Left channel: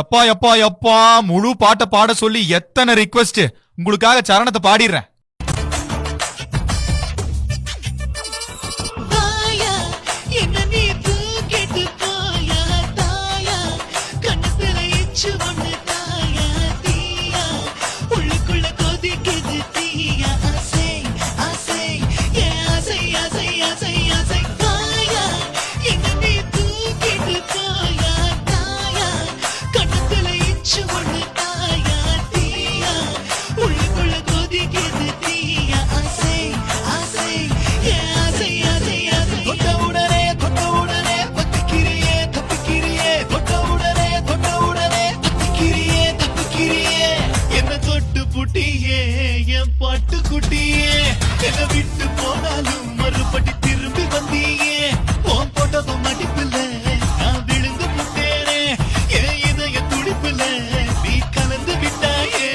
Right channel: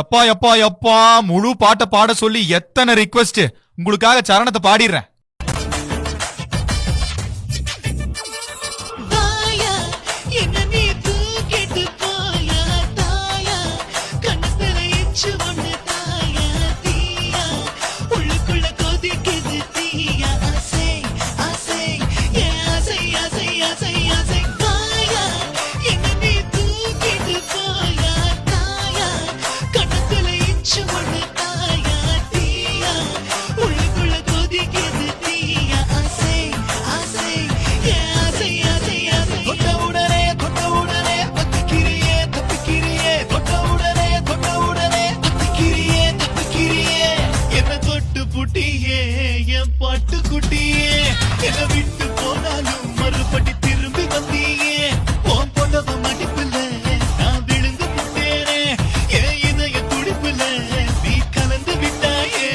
எப்பா எப்பா எப்பா முழு பாட்டை பாட சொல்லி எத்தனை ரிக்வெஸ்ட். உங்களுக்காக சரணத்தை பாடிடுறேன். புட்டியே என் பாட்டு குட்டியே, என்ன விட்டு போனாலும் மறுபடி திரும்பி வந்தியே. உன் போட்டவ மடிப்புல நான் விழுந்து புட்டேனே, என் இதய துடிப்புல நீ கலந்து விட்டாயே.